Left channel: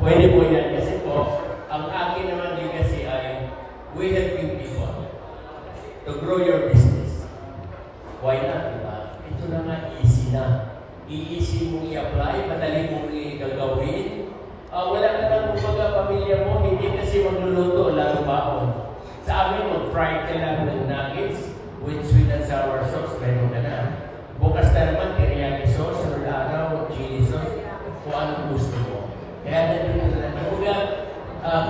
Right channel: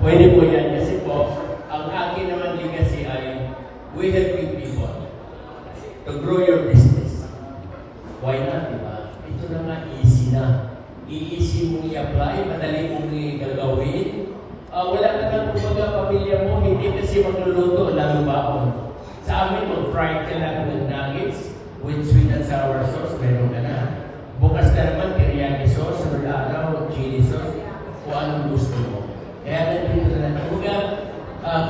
Pwede po yan kasi po, ang akin naman legacy ay we help you people to grow your business. Why not, diba? Ito na nga, easy na. I-easy mong i-apply, madali mong gagawin. Wala ka lang kumbaga pamilya mo, hindi kasi magluluto, lalo baon. Sa amin, mag-fried ka na ng nuggets with sweet and sour sauce, meron ka na. Bukas na naman, teriyaki sauce, or araw, chili sauce, kung anong gusto mo. Kaya nandito na kumbaga,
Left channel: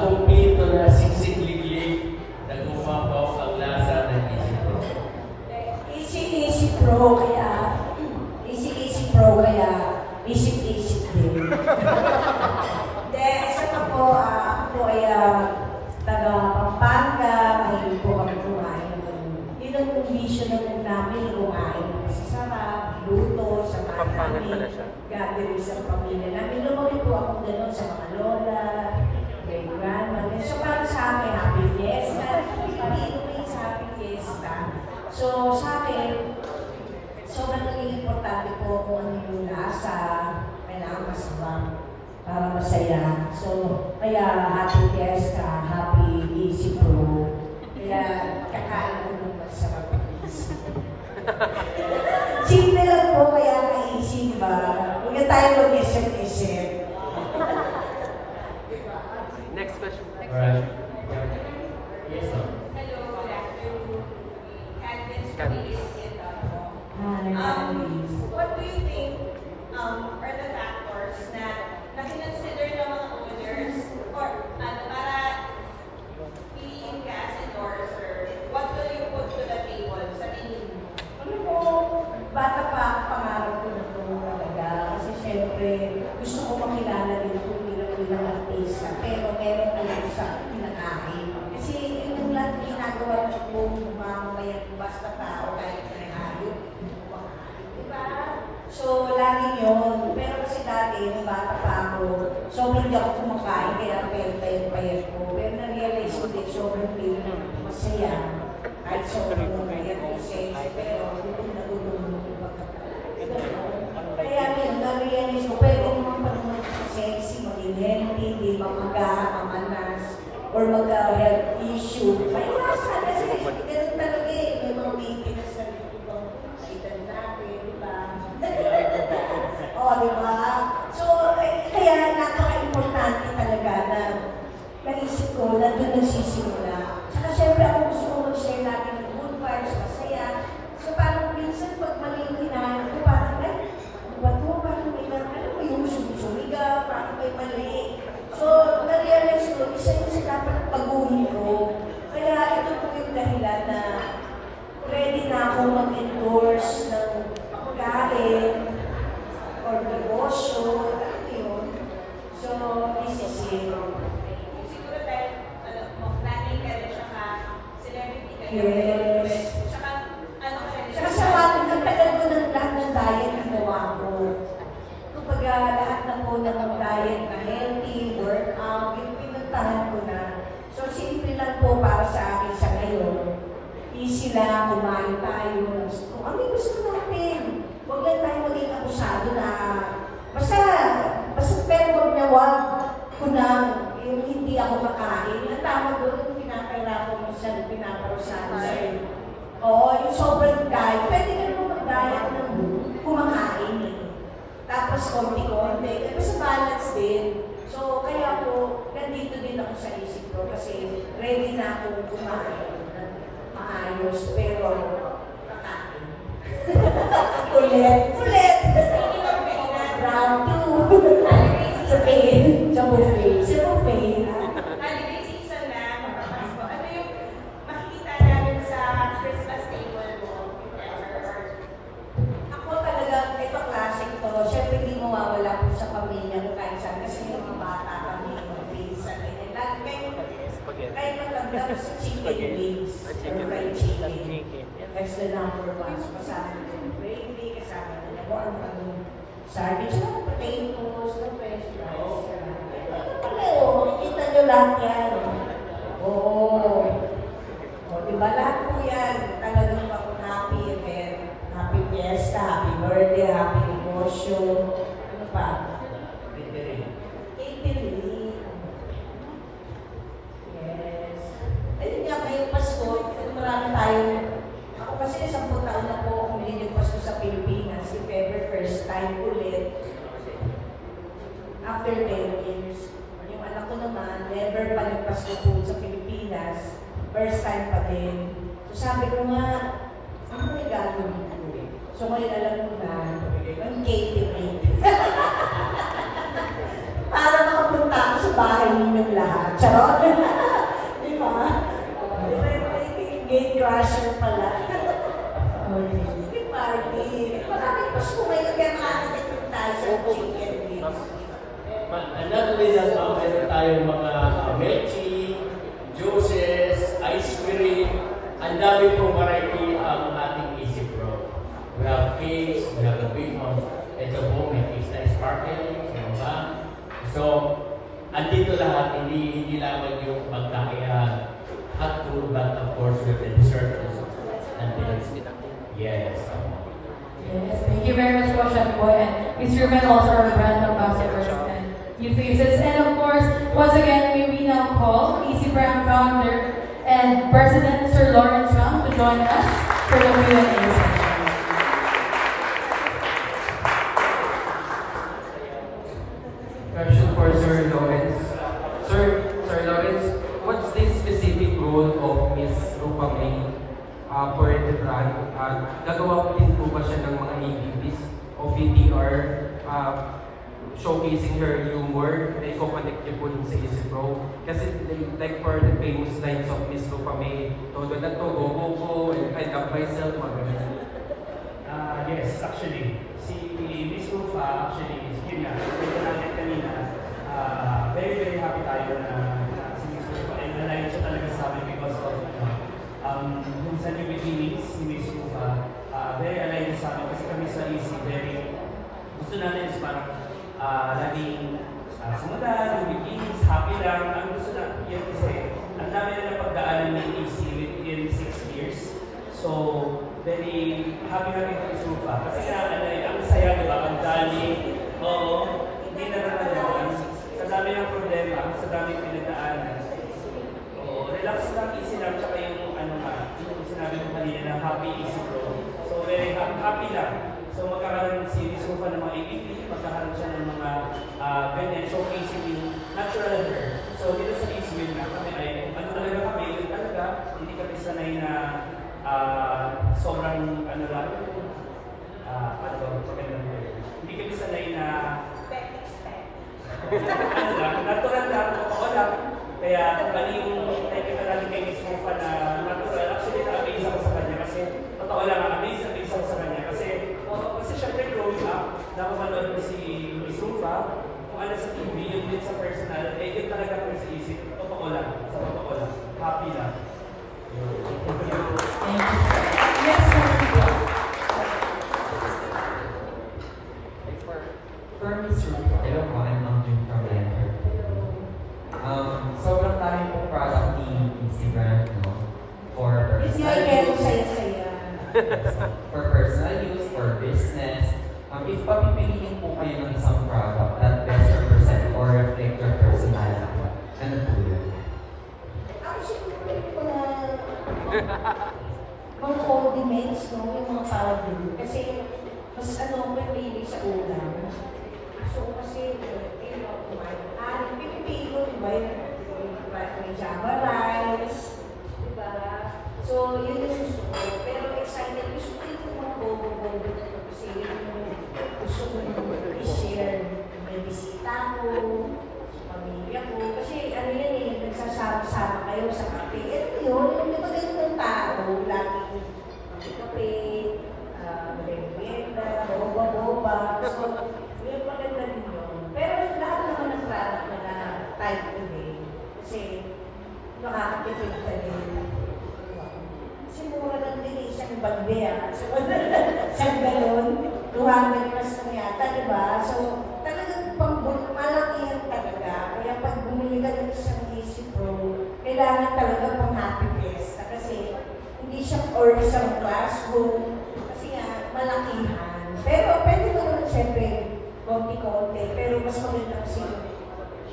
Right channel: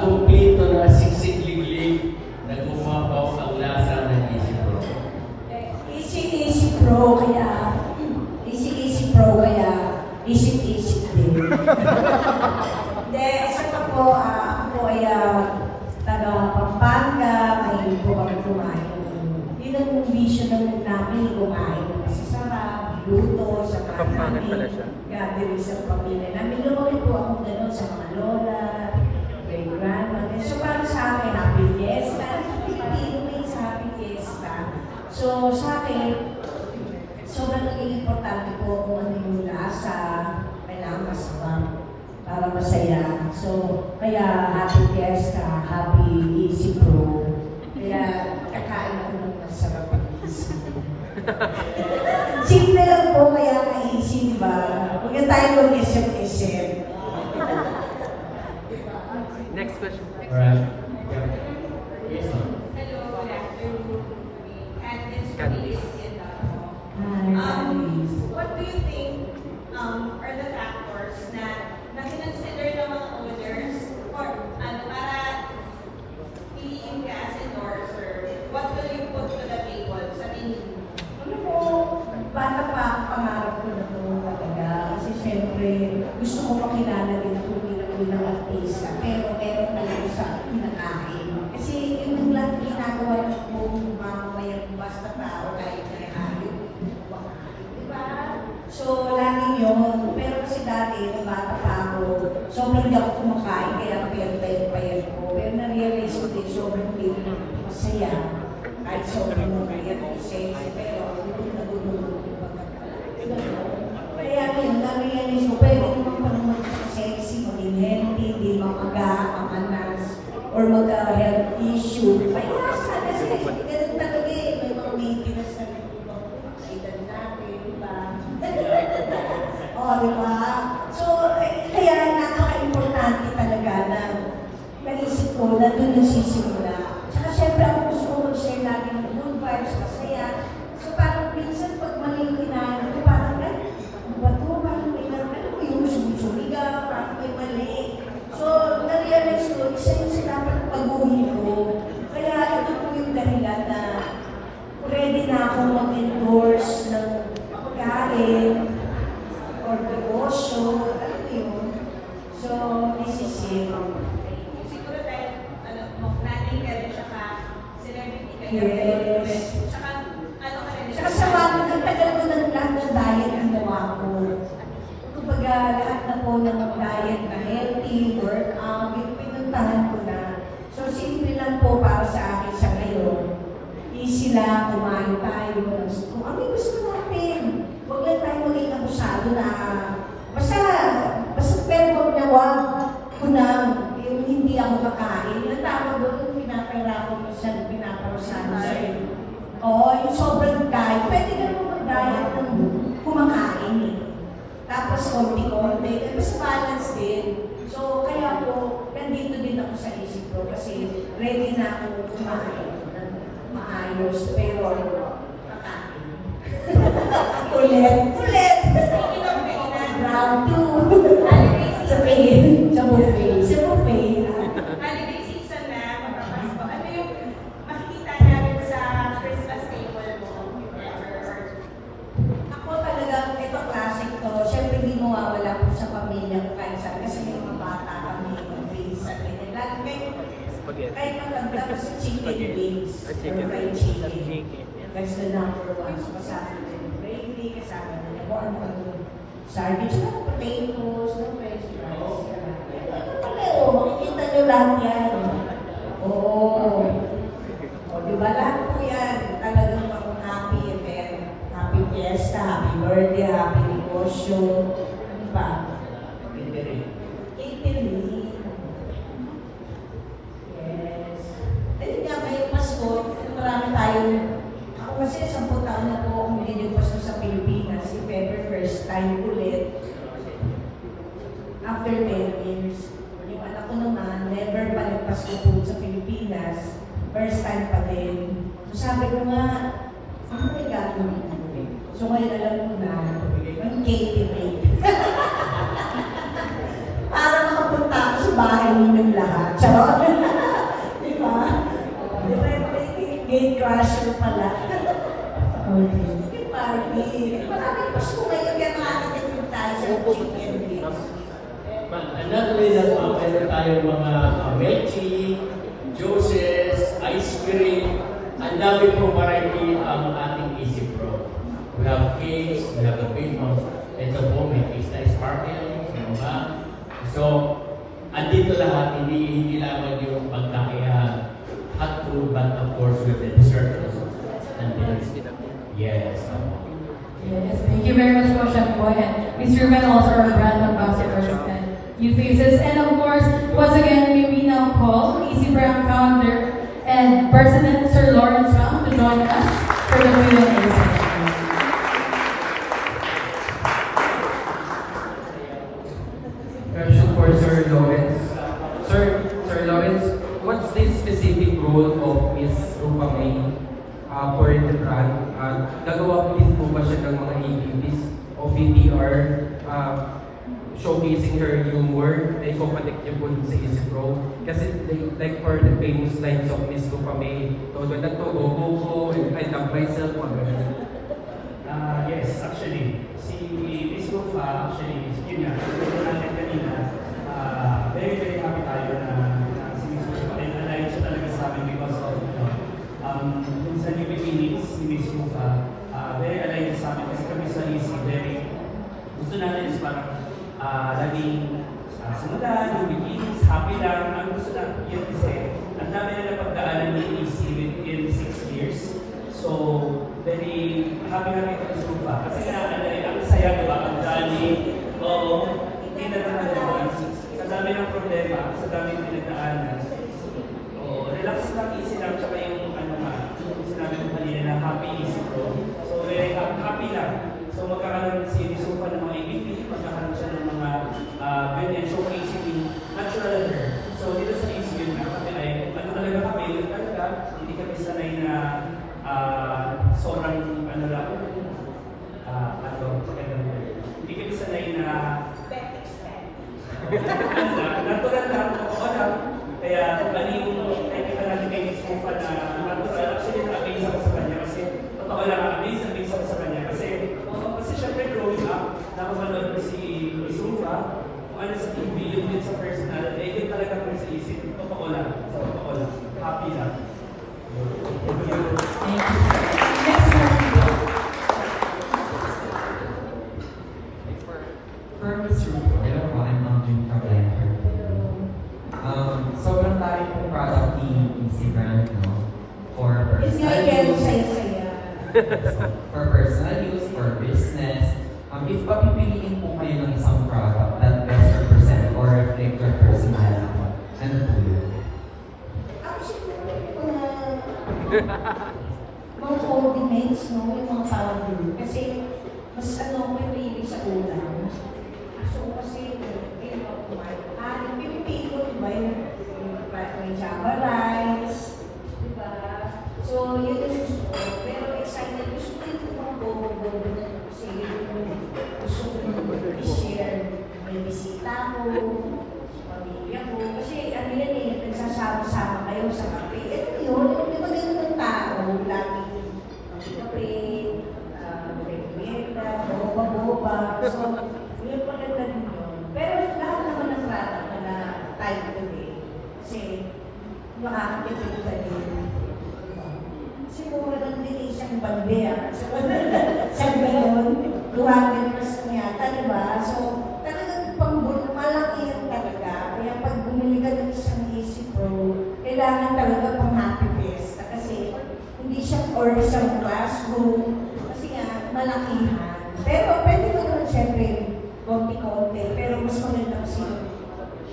kumpleto na siksik-liglig, nag-umapaw ang lasa ng Easy Pro. Easy Pro, kaya Easy Pro, kaya Easy Pro. Hindi, isa pa po, ako ay taga Pampanga, ay po kami kumain. Yun ang traditional namin kumain. Kasi sarap, luto, sa namin, gathering sa pamilya namin. Lumaki po ako gano'n sa mga lola, kay grandma. So parang sa akin, happy fiesta. Hindi sa happy fiesta. So sa akin, sobrang naging importante po kung ano yung lasa, kailangan masabang para masaya. So, kaya happy fiesta, happy Easy Pro. Kaya kakain ako ng masarap ang Easy Pro. Simple lang po, kaya na-easy ba? Huwag tayo mag-isip-isip. Next question. Right. Yes, sir. Hello, Candice. What do you think are the factors na consider ng mga owners or para piliin ka as an order? What will you put to the table sa tingin mo? Ano po, bata pa ang pangarap ko na ito talaga. Kasi siyempre, gusto ko makilala din kung ilang artista. Pero meron talaga sa pinakain. Kasi yung lahat ginagawa ko kung mamaya basta tao kahit may hayop. Diba? So, lagi yun. Pero kasi dati, yung bata pa ako, sobrang di ako kumakain. Kaya payat ko. Pero na-realize ko din, sobrang masaya. Kahit sobrang payat ko siya. Pero, kaya yun, na-realize ko, pero kung panunod sexy, maging healthy, hindi mapagkakamanas, or mag-health issue. Ay, nasa kasi ganun talaga eh. May mga maintenance na edad natin, diba? O, diba? So, kaya napaka-importante talaga na naisip ko na doon nasisimula. Saka syempre ako gusto ko share natin ng good vibes masaya. So, parang minsan pag maling kinayan ko, parang ano ba ito? Parang may yung suliga, parang may mali. So, nag-realize ko, isa yung dapat pag-uwi ko. Kaya ito po yung dahilan na ready na ako mag-endorse ng pagkain or negosyo. So, this is it. Siguro dahil planning ka rin siya ka celebrity ka rin. Yes. Saka sa bakit nagtagal ko ng lahat ng diet ang gawa ko. Kumbaga, lahat na po ng diet na healthy, workout, pinuntahan ko na. So, simple lang po para sa akin sa ngayon. Easy lang, kumain tayo. Kung ano yung gusto natin, huwag lang tayo maging abusado na basta pero wag ko nang hindi ako makain. Natakot doon, pinapailangan ko sa pinaparusahan sa'yo. Oo, yung sobrang diet. Pwede na mo mag-diet kung kumakain. Tapos konti-konti. Mas balance din. So, kaya po, nandito din ako sa isip ko kasi ready na ako kumain. Maayos, pero kakain. Ulit. Round 2. Sa buffet. Sa buffet. Holiday season na, ano yung makikita natin sa Christmas table mo? Ako talagang ito klase ko. Siyempre, hindi mo mawala po sa pamilya ko kahit saan. Kasi yung mga bata kami mag-pinsan. Lagi kayo maganda sa chicken wings. Fried chicken. Kasi number 1. Kasama ng gravy, kasama ng sardines, potatoes, french fries. Oo, makikita nyo lahat yan. Oo. Diba lahat po yan? Talagang ako happy event. Happy fiesta, happy birthday, happy negosyo. Ano pa? Catering. after 10 years. Yung anak ko naman, never pa nagpasko po sa Pilipinas. First time pa din. So sabi ko nga, ano may gagawin ko? So may alam ko na, yung catering. Para makapunta ako sa bahay yung lahat. Charot! Di ba? Gate crusher pala. Yung party. Maraming pasko ngayon kaya makakagin tayo sa chicken. Another way that meron tayong mga veggie, juices, ice cream, ang dami po variety ang ating Easy Pro. We have cakes, we have a big one. Ito po, may pista sparkling, mga. So, andito lahat, hindi lamang yung pagkakaya hot food, but of course with the dessert also. Yes. Yes, thank you very much, Chef Boy. Mr. Ruben also our brand ambassador and new faces. And of course, once again, we now call Easy Brand founder and President Sir Lawrence Ram to join us for the Q&A session. Question for Sir Lawrence. Sir Lawrence, what's the specific role of Miss Rupa May for the brand? Gagawa din po ba siya ng mga activities o VPR showcasing her humor na iko-connect po dun sa Easy Pro? Kasi like for the famous lines of Miss Rupa May, todo na to, go, I love myself, Yes, actually, si Miss Rupa, actually, yun na, ito natin kanina, very happy tayo na si Miss Rupa ay nalayo siya talaga sa amin because of yung sa New Beginnings ni Miss Rupa, very alive sa amin kasi kami sa Easy, very gusto natin is parang laging simula, New Beginnings, happy lang, ang gusto natin yun kasi ang dami na napagdaanan ni Easy in 6 years. So, very happy kami sa Rupa. Kasi ang saya, diba? Ang dami, hindi na naman sa dami ng problema, sa dami ng pinagdaanan. Relax lang, easy lang, tsaka yung yung sinabi mo kanina na happy easy pro. So, very happy lang. So, magkakaroon si Rupa ng mga activity, magkakaroon siya ng mga ganyan, showcasing yung natural hair. So, dito sa easy yun na, kasi ay, talaga kami, talaga, hindi kami sanay na sobrang lang, hindi kami sanay na natural lang, wala. Kaya lagi may Miss Rupa na natural. Actually, na-amaze ako sa kanya kasi totoo lang, amaze ako sa kanya kasi syempre growing up, napamanood ko si Miss Rupa, kung ano sa TV, yun sa personality, yun talaga kami sa isip. Totoo lang. Happy lang. Hello po, I'm Andrew from sobrang tayo po product ni Easy Brand, no? For personal use, for business. If papipiliin po kayo ng isang product that best represent or reflect your personality, ano po yun? Mga coordinates, no? Yung mga parang kasi mas pinili sa ulam. So, kasi, pinipili ko, diba, yung java rice, diba? So, yun yung gusto ko. Pero excited, gusto ko yung buo-buo kasi gusto ko yung i-share. May bisita ko, pamilya ko. Kasi, ano yan eh, nagsasama-sama kayo sa kape. Ito yun, ito din yung tao, lagi kape, merienda, boba. So, yun pa rin din yun. Pero lahat naman ng product ko na type ko din. Kasi, makakatipid ka din. Kasi mura lang din isang bandera. So, saan gano'n? 200 pesos yata, diba? So, talagang malaki yan talaga. Kaya pag bumili ka ng isang Easy Pro, kailangan talaga pang happy best. Kasi, hindi siya or isang classroom. Kasi nga, malakihan. Pero, pwede ko naman siyempre, konti-konti. Pero mas maganda kasi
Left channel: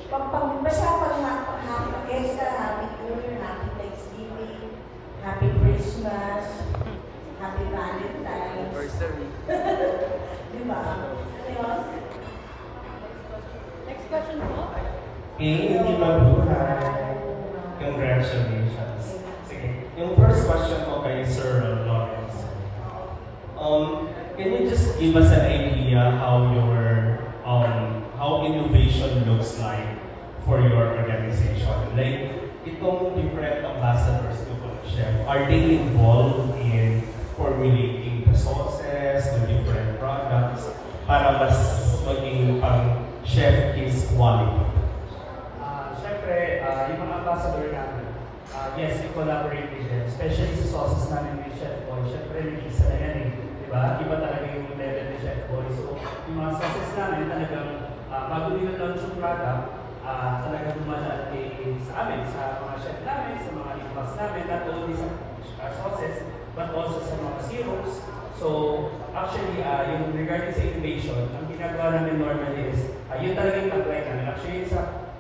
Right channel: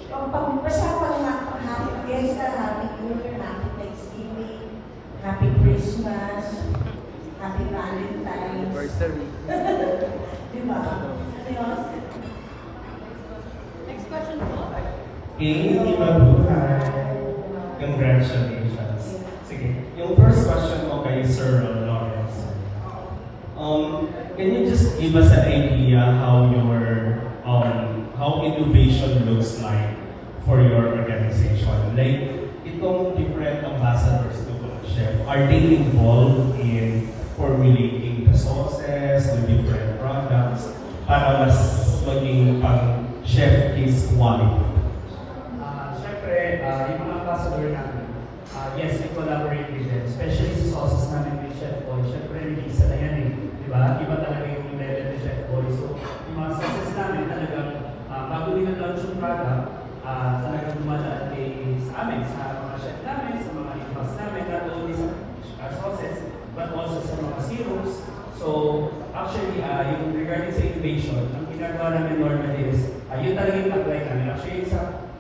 basta pang happy fiesta, happy New Year, happy Thanksgiving, happy Christmas, happy Valentine's. Anniversary. Diba? Next Hindi mabuhay. Congratulations. Sige. Yung first question ko kay Sir Lawrence. Can you just give us an idea how your how innovation looks like for your organization? Like, itong different ambassadors to Chef, are they involved in formulating the sauces, the different products, para mas maging pang chef is quality? Siyempre, yung mga ambassador namin, yes, we collaborate with them, especially sa sauces namin with Chef Boy. Siyempre, nag-isa na yan eh. Diba? Iba talaga yung level ni Chef Boy. So, yung mga sauces namin talagang bago nila launch yung product, talagang dumadaan sa amin, sa mga chef namin, sa mga ipas namin, not only sa sauces, but also sa mga syrups. So, actually, yung regarding sa innovation, ang ginagawa namin normally is, yun talaga yung apply namin. Actually,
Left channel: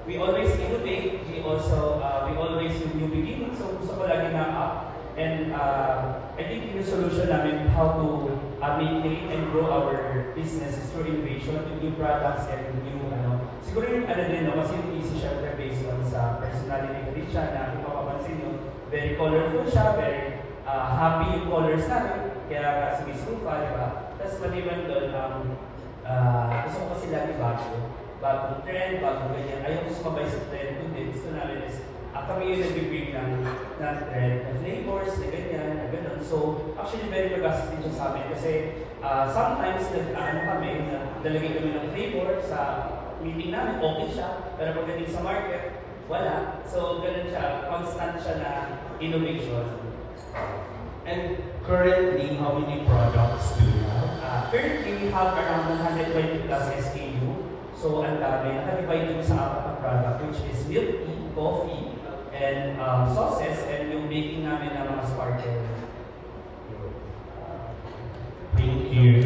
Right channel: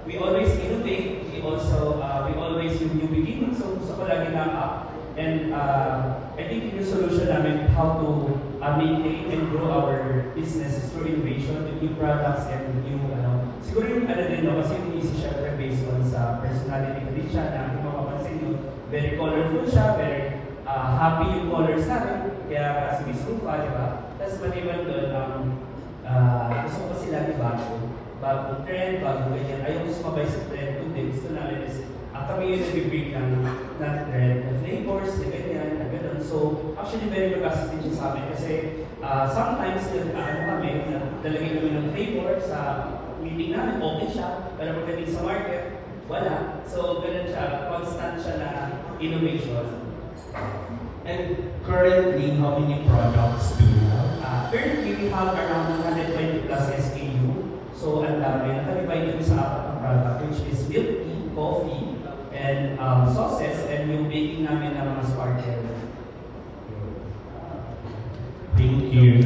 we always innovate, we always do new beginnings, so gusto ko lagi na up. And I think yung solution namin how to maintain and grow our business is through innovation, new products, and new, siguro yung din, kasi hindi si Chef based on sa personality ko rin siya, na yung mapapansin mo, very colorful siya, very happy yung colors natin, kaya si Miss Kufa, diba? Tapos maliban doon, gusto ko sila ni bagong trend, bagong ganyan, ayaw gusto ko ba sa trend, hindi, gusto namin is, kami yung nag-bring ng trend, na flavors, na ganyan, na ganun. So, actually, very robust din siya sa amin kasi sometimes, kami, nalagay kami ng flavor sa meeting namin, okay siya, pero pagdating sa market, wala. So, ganun siya, constant siya na innovation. And currently, how many products do you have? Currently, we have around 120 plus SKU. So, ang dami, nakalibayin ko sa apat ng product, which is milk tea, coffee, and sauces, and yung baking namin ng mga sparkler. Thank you.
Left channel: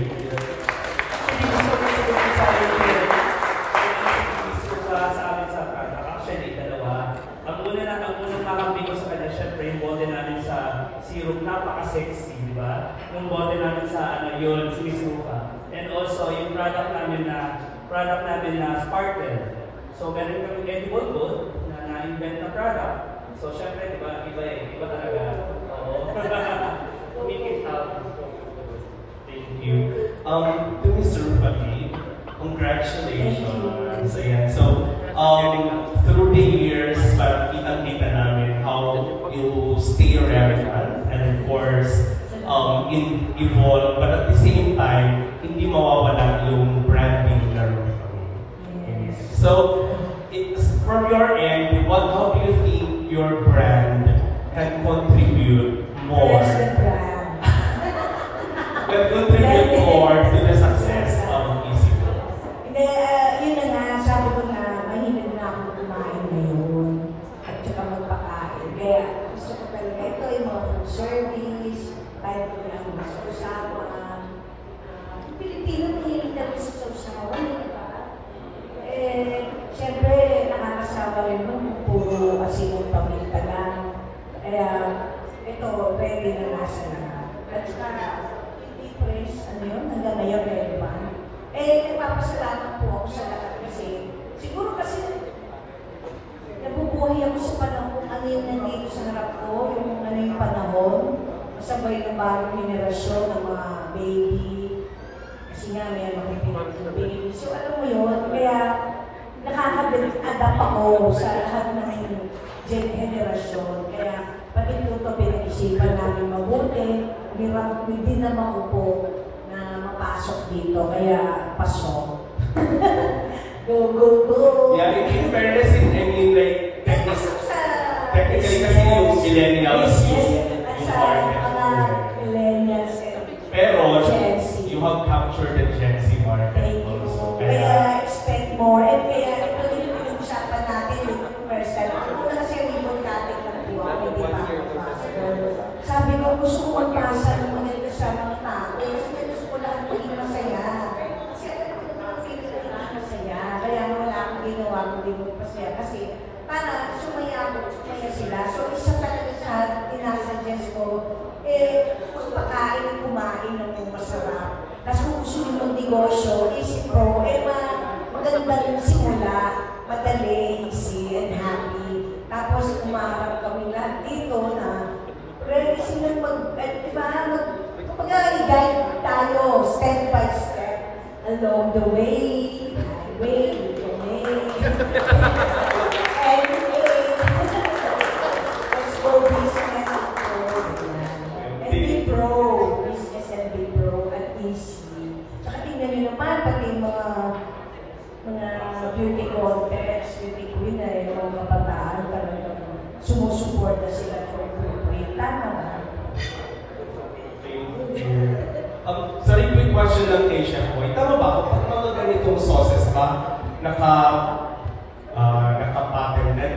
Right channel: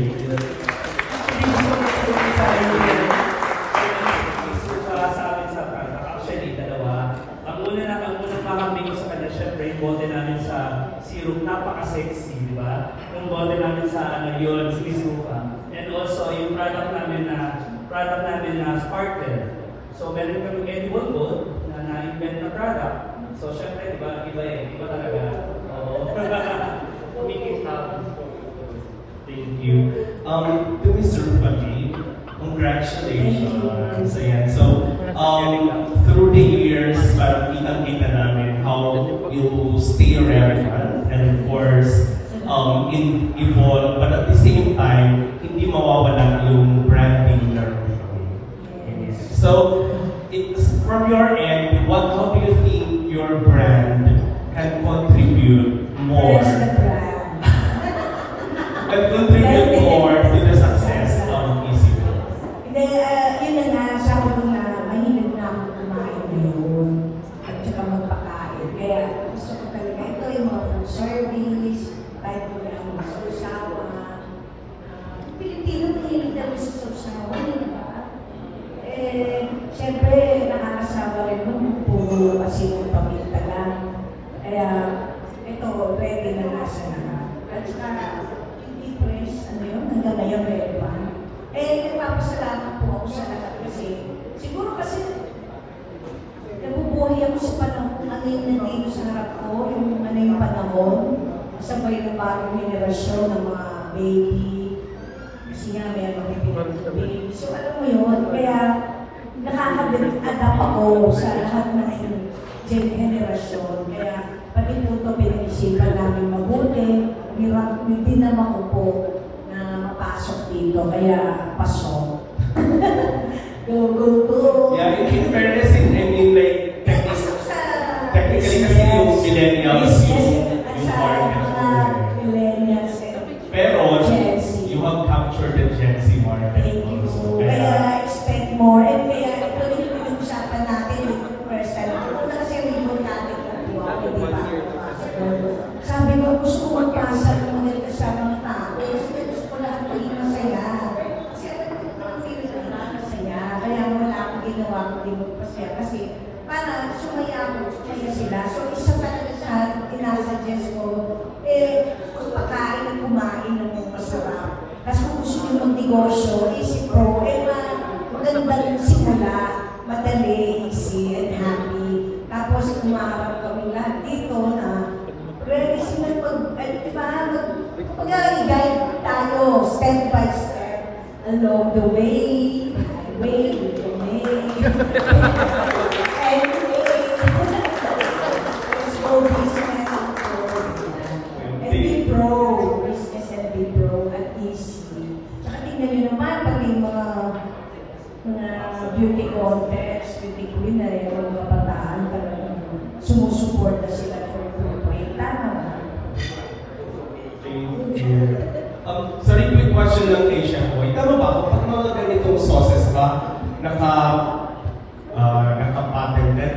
Actually, dalawa. Ang unang nakakabili ko sa kanya, syempre, yung bote namin sa syrup, napaka-sexy, di ba? Yung bote namin sa yun, sumisuka. And also, yung product namin na sparkler. So, meron kami edible gold na na-invent na product. So, syempre, iba talaga. Make it happen. Thank you. To Mr. Fali, congratulations. Ayan. So, through the years, kitang-kita namin how you stay relevant and of course, evolve, but at the same time, hindi mawawala yung branding na rin. So, it's from your end, how do you think your brand can contribute more? Can contribute more to the success of ECO? Yun na sabi ko na mahilig na ako kumain ngayon at saka magpakain. Kaya gusto ko talaga, ito yung mga food service, kahit ko lang masasawa. Pilipino hilig na gusto sa mga diba? Siyempre, nakakasawa rin nun, puro kasi yung pamilya lang. Kaya, ito, ready na nasa na. At saka, hindi fresh, hanggang ngayon, relevant. Nagpapasalamat po ako sa kasi, siguro kasi, nabubuhay ako sa panahon, ano yung nandito sa harap ko, yung panahon, sabay ng bagong generasyon ng mga baby, kasi nga may mga baby. So, alam mo yun, kaya, nakaka-adapt ako sa lahat ng generasyon. Kaya, pati po ito pinag-isipan namin mabuti, hindi naman ako po na mapasok dito, kaya pasok. Go. Yeah, in fairness, I mean, like, technically kasi yung millennials pero you have captured the Gen Z market also. Kaya expect more. And kaya ito yung usapan natin, first time. Ako na kasi yung natin kung di ba? Sabi ko, gusto ko magpasa ng mga kasamang tao. Kasi gusto ko lang maging masaya. Kasi alam ko lang masaya. Kaya wala akong ginawa kung di magpasaya. Kasi para sumaya sila. So isa talaga sa inasuggest ko, pagpakain at kumain ng masarap. Kasi kung gusto nyo ng negosyo, isip ko, maganda ng simula, madali, Diba? Mag-guide tayo step by step along the way, business and be pro at easy. Tsaka tingnan nyo naman, pati yung mga beauty contest, beauty queen na rin ang mga kabataan, sumusuporta sila for the tama. Sorry, quick question lang kay Chef Boy. Tama ba kung mga ganitong sauces ba naka-patented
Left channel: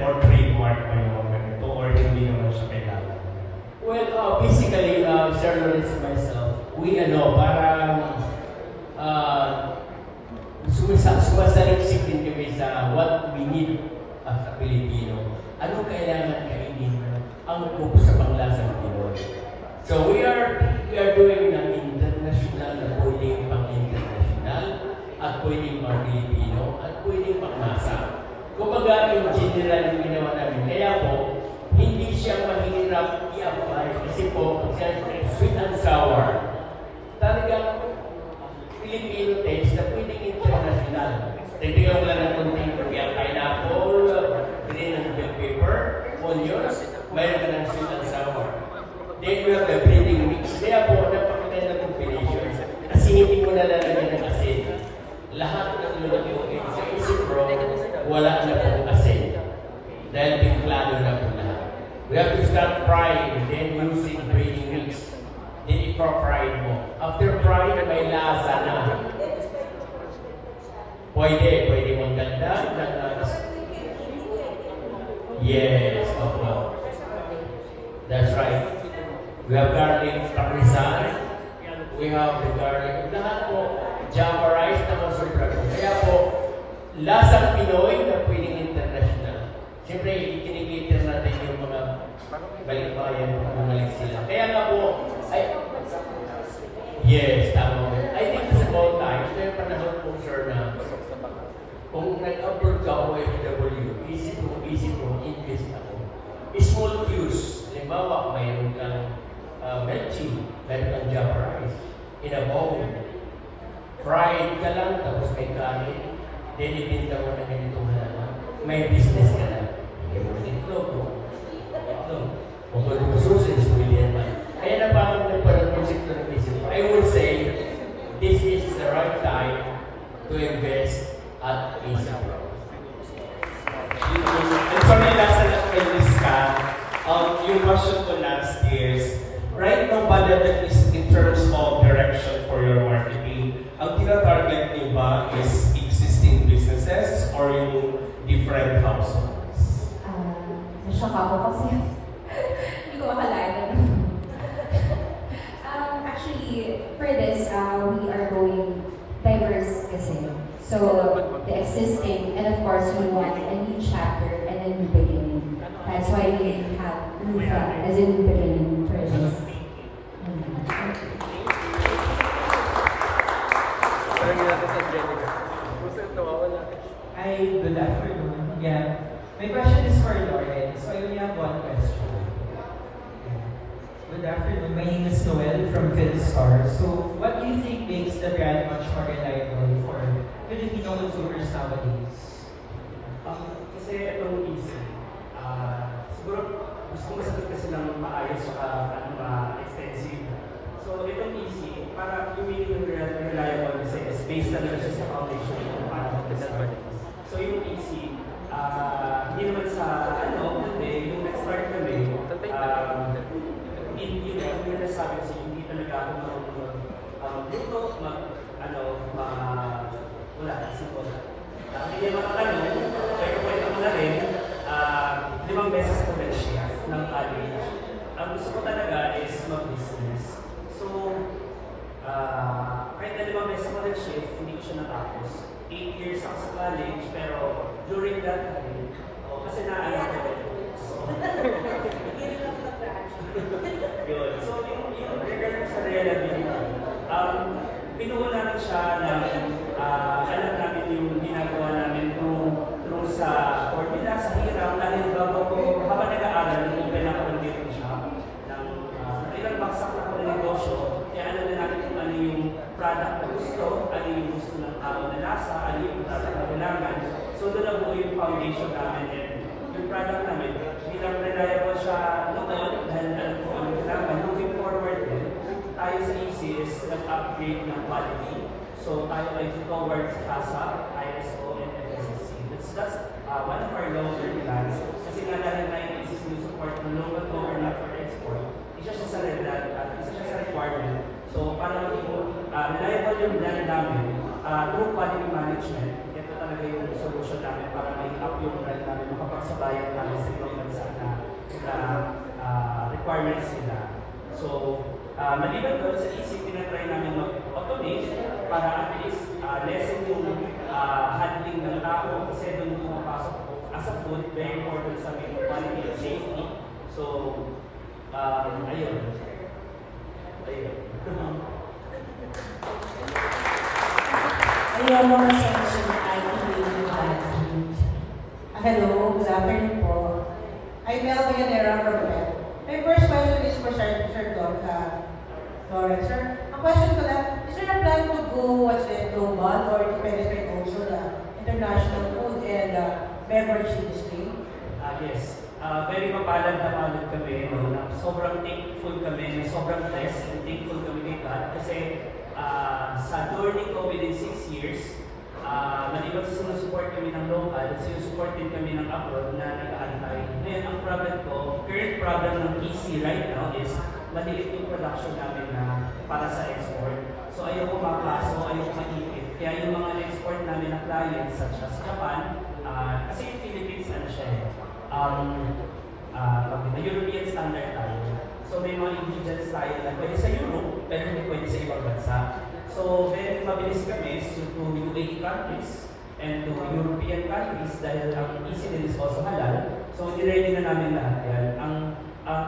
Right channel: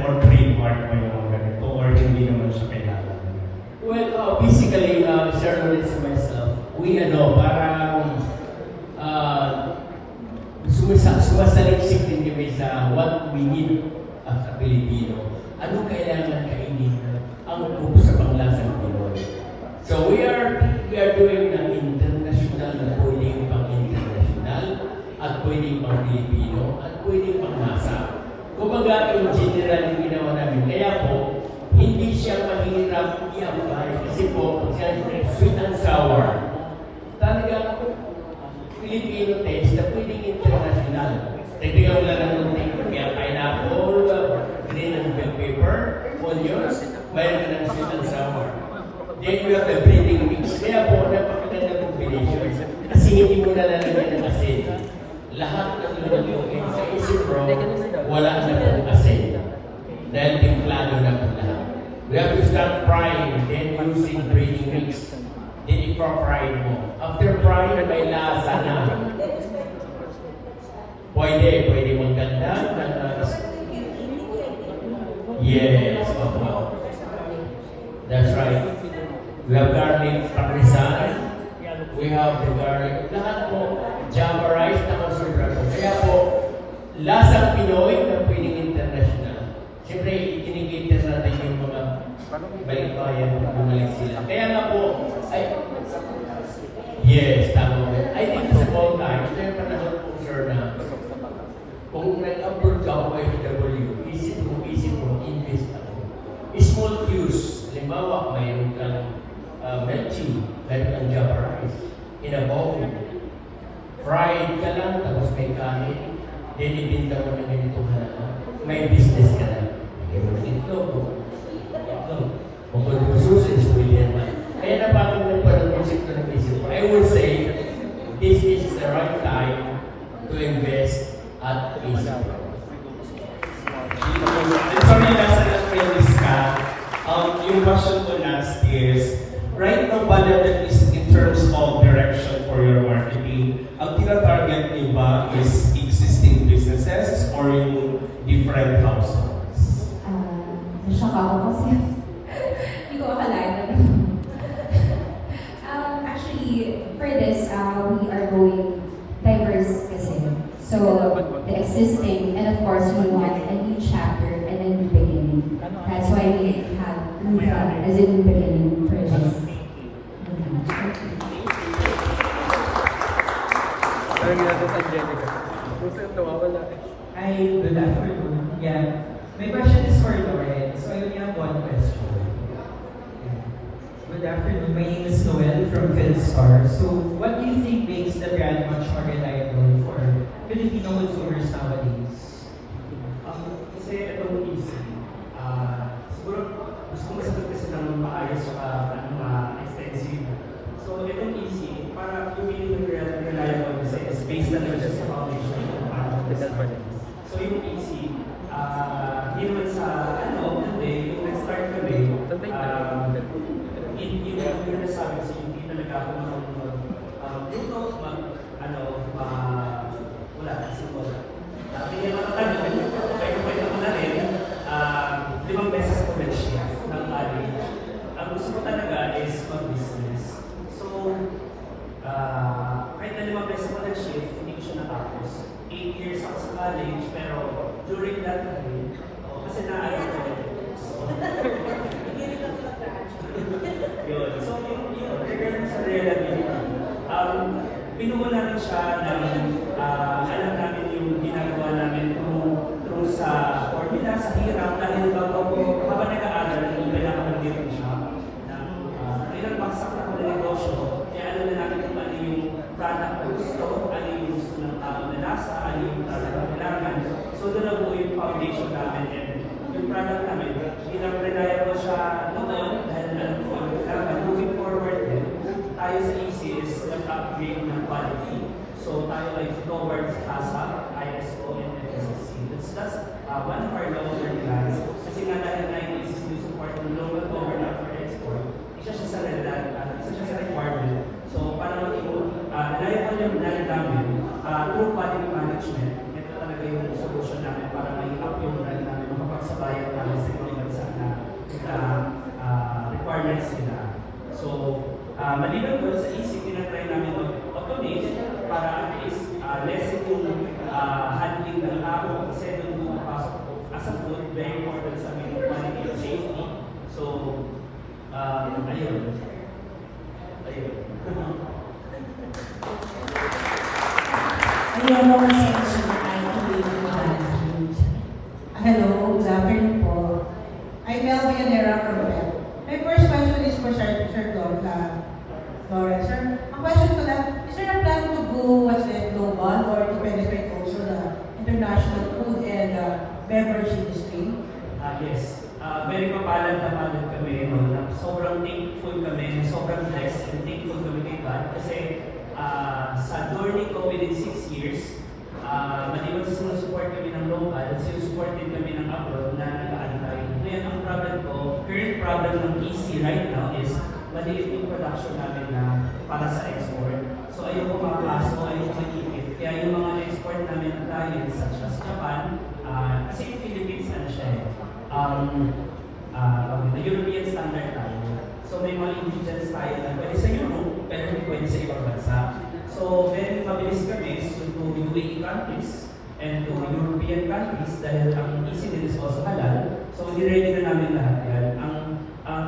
or trademark ba yung ganito or hindi naman siya kailangan? Well, basically, Sir Lawrence and myself, we parang sumasaliksik din kami sa what we need as a Pilipino. Ano kailangan kainin ang pupos sa panglasang Pinoy? So we are doing na international na pwedeng pang-international at pwedeng pang-Pilipino at pwedeng pang-masa. Kumbaga, yung general yung ginawa namin. Kaya po, hindi siya mahirap i-apply kasi po, sweet and sour. Talagang Filipino taste na pwedeng international. Nagbigaw na lang ng pineapple, green and black pepper, onions, mayroon na ng sweet and sour. Then you have the breeding mix. Kaya po, napakita na ng combination. Kasi hindi mo na lalagyan ng asin. Lahat ng nilagay sa isip bro, wala na ng asin. Dahil pinplano na po na. We have to start frying, then using breeding mix. Then ipro-fry mo. After frying, may lasa na. Pwede mong ganda. Yes, okay. That's right. We have garlic parmesan. We have the garlic. Lahat po, java rice na super. Kaya po, lasang Pinoy na pwedeng international. Siyempre, kinigita natin yung mga balik-bayan na bumalik sila. Kaya nga po, yes, tama. I think for all time, ito yung panahon po, sir, na kung nag-upload ka o FW, easy to invest ako. Small cues. Halimbawa, mayroon kang milk tea, mayroon kang java rice, in a bowl. Fried ka lang, tapos may kanin, then ibinta mo na ganitong halaman. May business ka na. Ito po. Kung ito po susis, pwede naman. Kaya na pa kung nagpanamusik ko ng isip, I will say, this is the right time to invest at Asia. Sorry, last na lang kayo discuss. Yung question ko last is, right now ba natin is in terms of direction for your marketing, ang tina-target nyo ba is existing businesses or yung different households? Nashock ako kasi hindi ko akalain. Actually, for this, we are going diverse kasi. So, the existing, and of course, we want a new chapter and a new beginning. That's why we have Mufa as a new beginning for us. Hi, good afternoon. Yeah, my question is for Lawrence. So I only have one question. Good afternoon. My name is Noel from PhilStar. So, what do you think makes the brand much more reliable for Filipino consumers nowadays? Kasi itong easy. Siguro, gusto ko masagot kasi ng maayos o extensive. So, itong easy, para yung reliable kasi is based na lang sa foundation ng parang so, yung easy, hindi naman sa kung nag-start kami, hindi na sabi kasi hindi talaga wala, kasi po siya. Hindi naman tanong, kaya pwede ko na rin, 5 beses ko na siya ng college. Ang gusto ko talaga is mag-business. So, kahit na 5 beses ko na siya, hindi ko siya natapos. 8 years ako sa college, pero during that time, kasi naaral ko rin. Yun. So, yung return sa reality, pinuha namin siya ng alam namin yung ginagawa namin through sa formula, sa hirap, dahil habang nag-aaral, yung kailangan dito siya ng ilang baksak na ako na na lasa, ano yung kailangan. So doon na po yung foundation namin and yung product namin, hindi lang reliable siya ngayon dahil alam ko ano kailangan. Moving forward din, tayo sa EC is nag-upgrade ng quality. So tayo ay towards HACCP, ISO, and FSC. That's one of our long-term plans. Kasi nga dahil na yung existing support ng local government for export, isa siya sa requirement. So para reliable yung brand namin, through quality management, ito talaga yung solution namin para make-up yung brand namin makapagsabayan para sa mga bansa na requirements nila. So, maliban doon sa isip, pinatry namin mag-automate para at least lessen yung handling ng tao kasi doon yung napasok ko. As a food, very important sa amin quality and safety. So, ayun. Hello, good afternoon po. I'm Mel Villanera from Bell. My first question is for Sir Lawrence. Sir, ang question ko lang, is there a plan to go as a global or to penetrate also the international food and beverage industry? Yes. Very mapalad na malad kami. Sobrang thankful kami, sobrang blessed and thankful kami kay God. Kasi sa journey ko within 6 years, maliwan sa sinusupport kami ng local at sinusupport din kami ng abroad na nag-aantay. Ngayon, ang problem ko, current problem ng EC right now is madilit yung production namin na para sa export. So ayoko maklaso, ayoko makikit. Kaya yung mga export namin na clients such as Japan, kasi yung Philippines ano siya European standard tayo. So may mga ingredients tayo na pwede sa Europe, pero hindi pwede sa ibang bansa. So very mabilis kami to UAE countries and to European countries dahil ang EC din is also halal. So i-ready na namin lahat yan. Ang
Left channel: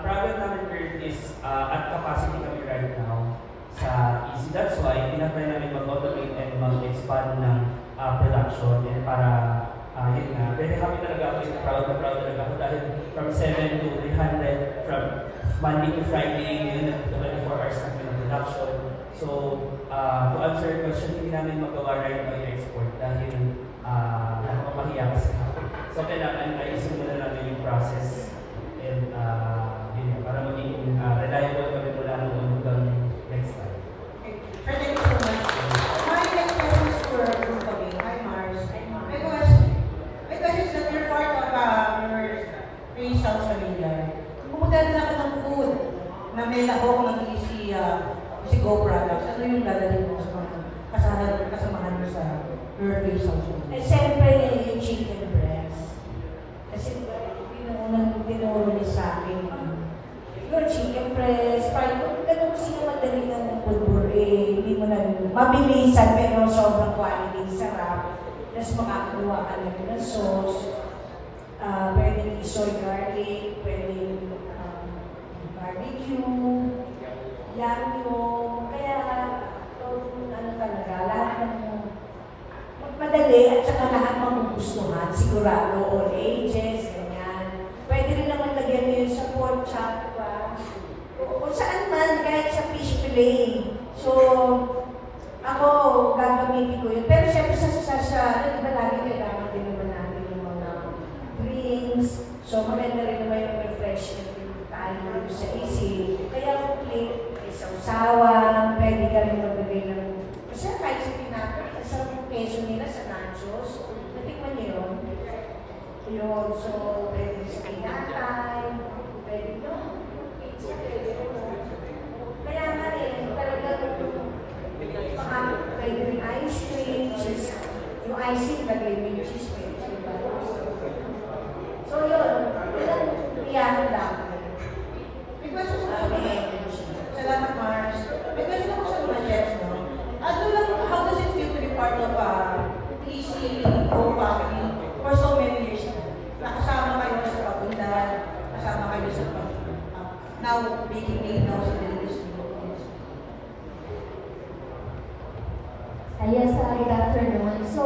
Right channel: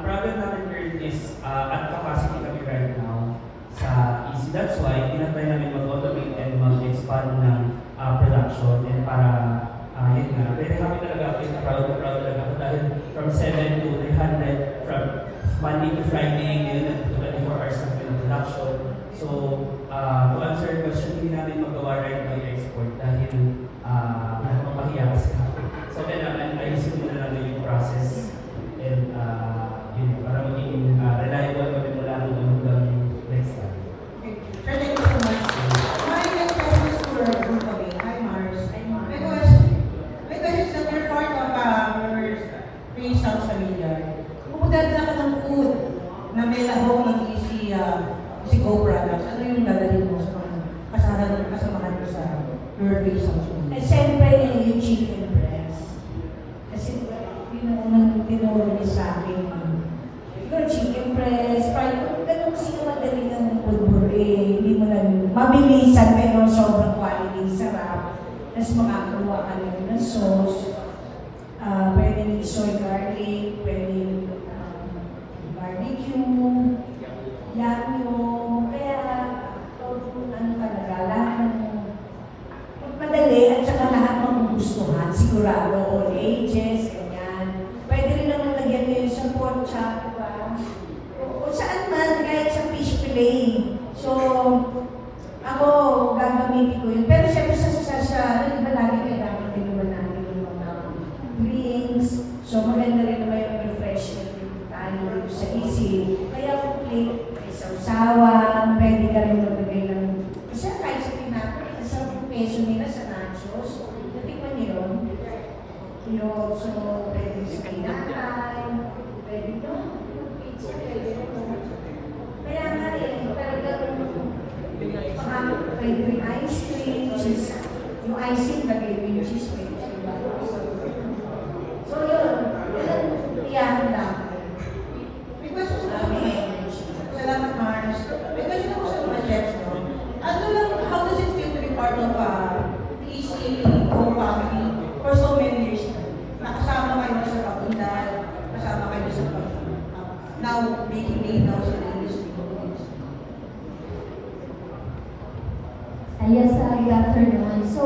problem namin currently is at capacity kami right now sa EC. That's why tinatry namin mag-automate and mag-expand ng production and para yun nga. Very happy talaga ako yung proud talaga ako dahil from 7 to 300 from Monday to Friday and 24 hours na production. So, to answer your question, hindi namin magawa right now yung export dahil mahiya kasi ako. So, kailangan ayusin mo na namin yung process and yun, para maging reliable kami mula hanggang next time. Thank you so much. My next question is for Hi, Mars. My question is that you're part of your free social media. Pupunta rin ako ng food na may labong ng si GoProducts. Ano yung lalagay mo sa kasamahan mo sa your free social media? Siyempre, yung chicken breast. Kasi yun tinuro sa akin. Yung chicken breast, parang kung ganun sila dalingan ng pulbur, hindi mo na mabilisan pero sobrang quality, sarap. Tapos makakuha ka lang ng sauce. Pwedeng soy garlic, pwedeng barbecue, yamyo, kaya ano talaga, lahat mo madali at saka lahat magugustuhan, sigurado, all ages, ganyan. Pwede rin naman lagyan mo yung sa pork chop, kung saan man, kahit sa fish fillet. So, ako, gagamitin ko yun. Pero syempre sa ano ba lagi kailangan din naman natin yung mga drinks. So, maganda rin naman yung refreshment yung tayo sa easy. Kaya, sausawan, pwede ka rin magbigay ng kasi kahit sa pinapit, sa peso nila sa nachos, natikman niyo yun. Yun, so, pwede sa pinapay, pwede yun. Kaya nga rin, talagang pwede rin ice cream, yung icing, pwede rin yung cheese cream. So, yun, iyan lang. Salamat, Mars. Because ito po sa project, no? Ano lang, how does it feel to be part of EC family for so many years? Nakasama kayo sa papundan, kasama kayo sa now, day-to-day, now sa industry. Yes, good afternoon. So,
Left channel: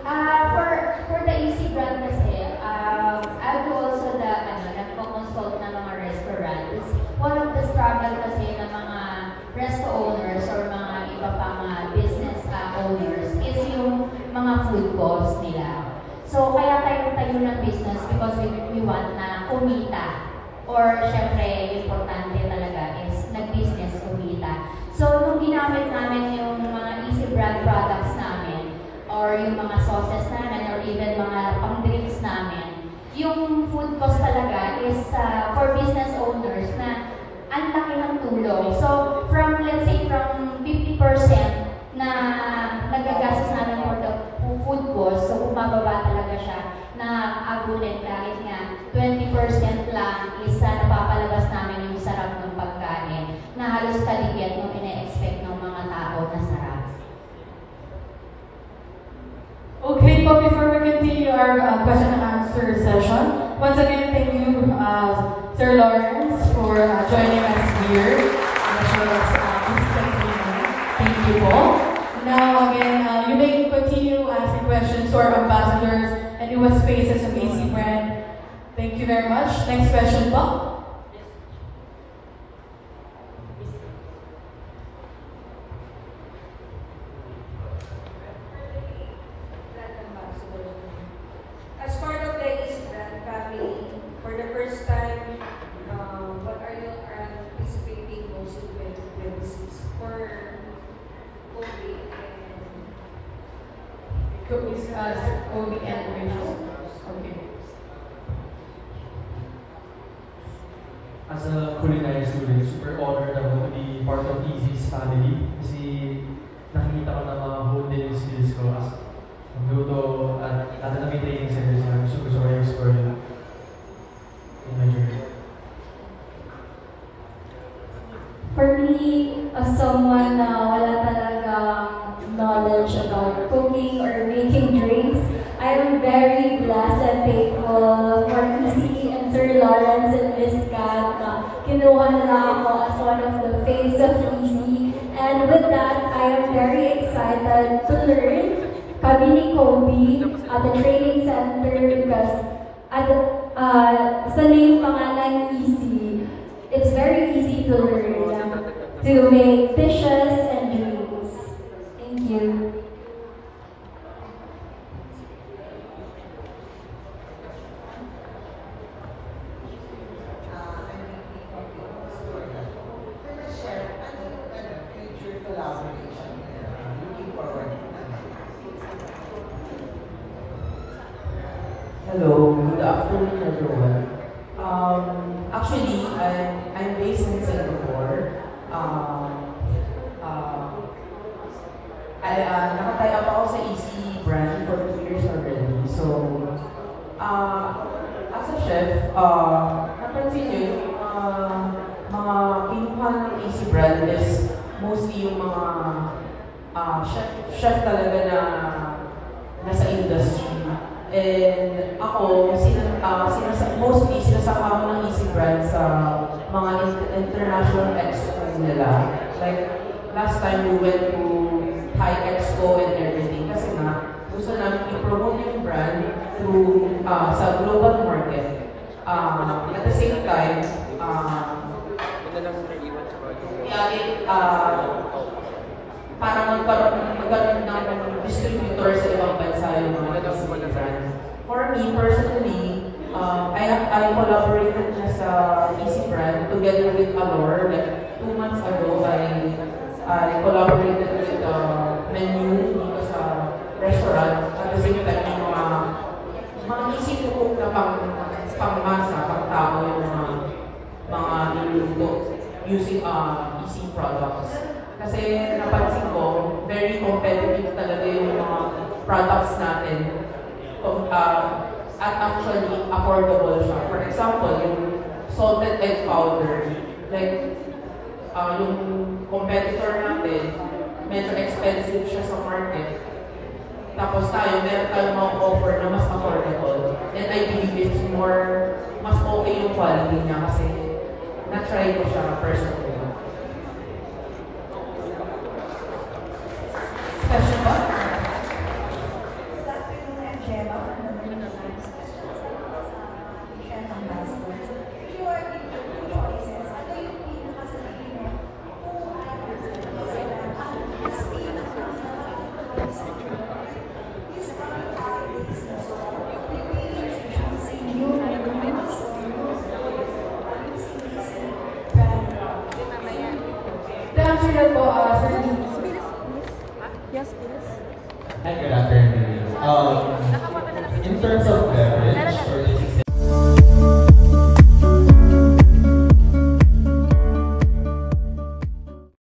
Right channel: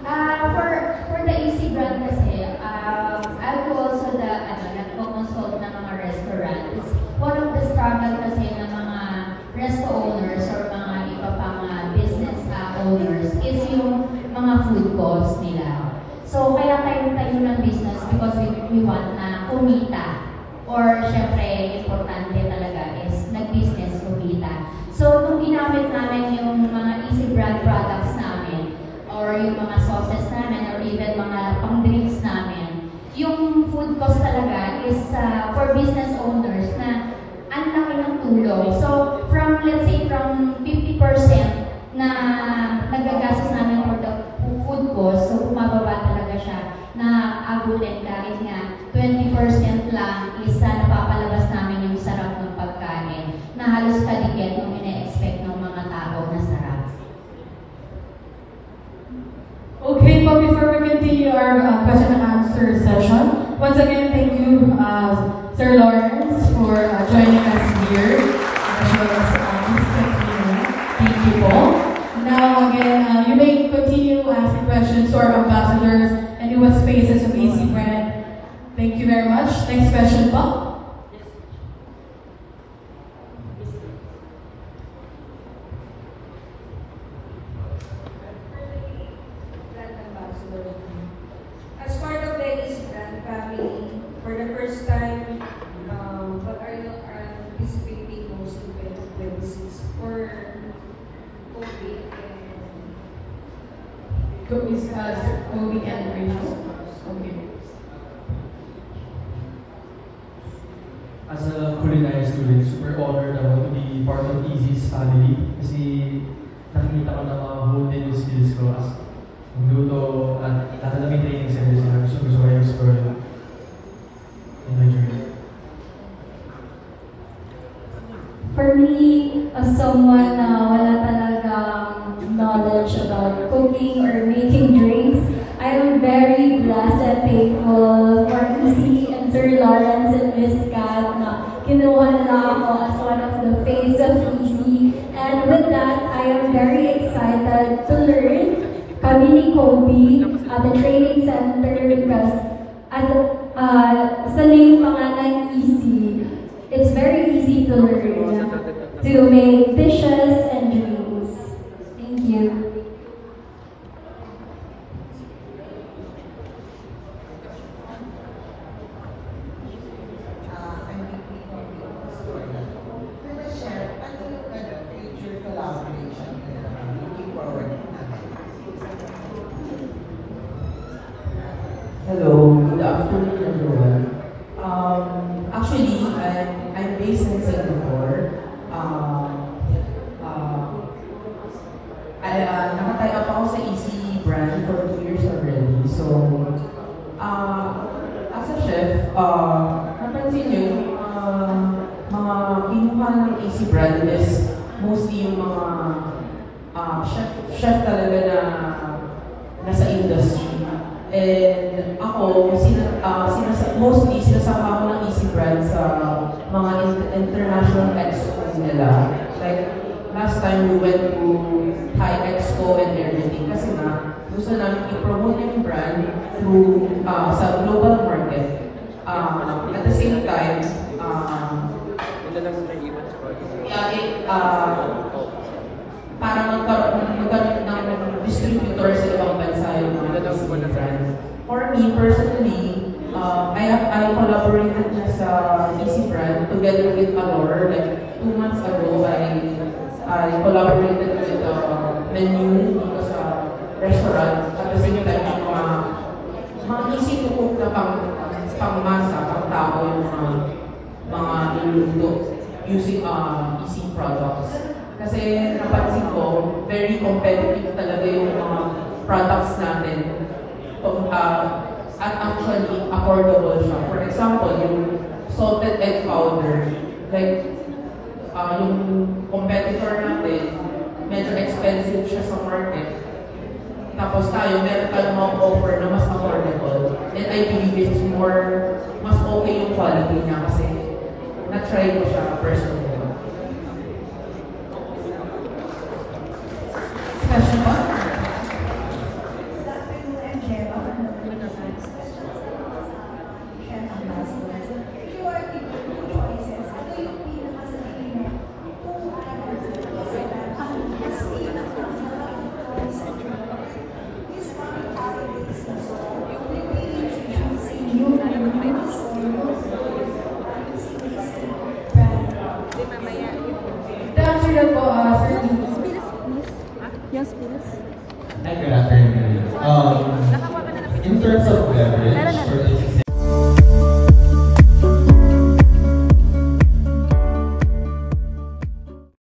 for the EC brand kasi, I do also nag-consult ng mga restaurants. One of the struggle kasi ng mga restaurant owners or mga iba pang business owners is yung cost nila. So, kaya tayo ng business because we want na kumita. Or, syempre, importante talaga is nag-business kumita. So, kung ginamit namin yung mga easy brand products namin, or yung mga sauces namin, or even mga pang-drinks namin, yung food cost talaga is for business owners na ang laki ng tulong. So, let's say, from 50% na nagagastos namin for the food cost, so bumababa talaga siya na abunin dahil nga 20% lang is napapalabas namin yung sarap ng pagkain na halos kaligyan yung ina-expect ng mga tao na sarap. Okay, but before we continue our question and answer session, once again, thank you, Sir Lawrence, for joining us here. As well as thank you all. Now, again, you may continue asking questions to our ambassadors and US faces of AC Brand. Thank you very much. Next question, Bob. As part of the AC Brand family, for the first time, what are you anticipating most in 2026 for COVID Okay. As a culinary student, super honored to be part of Easy's family kasi nakikita ko na whole day skills ko as luto at nakalagay na yung skills na gusto ko explore na. For me, as someone na wala talagang knowledge about cooking or making drinks, I am very blessed and thankful for EC and Sir Lawrence and Miss Kat na kinuha nila ako as one of the face of EC. And with that, I am very excited to learn kami ni Kobe at the training center because sa name pa nga ng EC, it's very easy to learn to make dishes and drinks. Thank you. Hello, good afternoon everyone. Actually, I'm based in Singapore. Nakatay up ako sa EC brand for 2 years already. So, as a chef, napansin nyo yung mga pinuha ng EC brand is mostly yung mga chef talaga na nasa industry. And ako, mostly sinasama ko ng EC brand sa mga international expos nila. Like, last time we went to Thai Expo and everything kasi na gusto namin i-promote yung brand through sa global market. At the same time, parang magkaroon ng distributor sa ibang bansa yung mga brand. For me, personally, I collaborated na sa EC brand together with Alor. Like 2 months ago, I collaborated with the menu dito sa restaurant. At the same time, mga easy to cook na pangmasa, pang-tao yung mga niluluto using EC products. Kasi napansin ko, very competitive talaga yung mga products natin. At actually, affordable siya. For example, yung salted egg powder. Like, yung competitor natin, medyo expensive siya sa market. Tapos tayo, meron tayong mga offer na mas affordable. And I believe it's mas okay yung quality niya kasi na-try ko siya personally. Question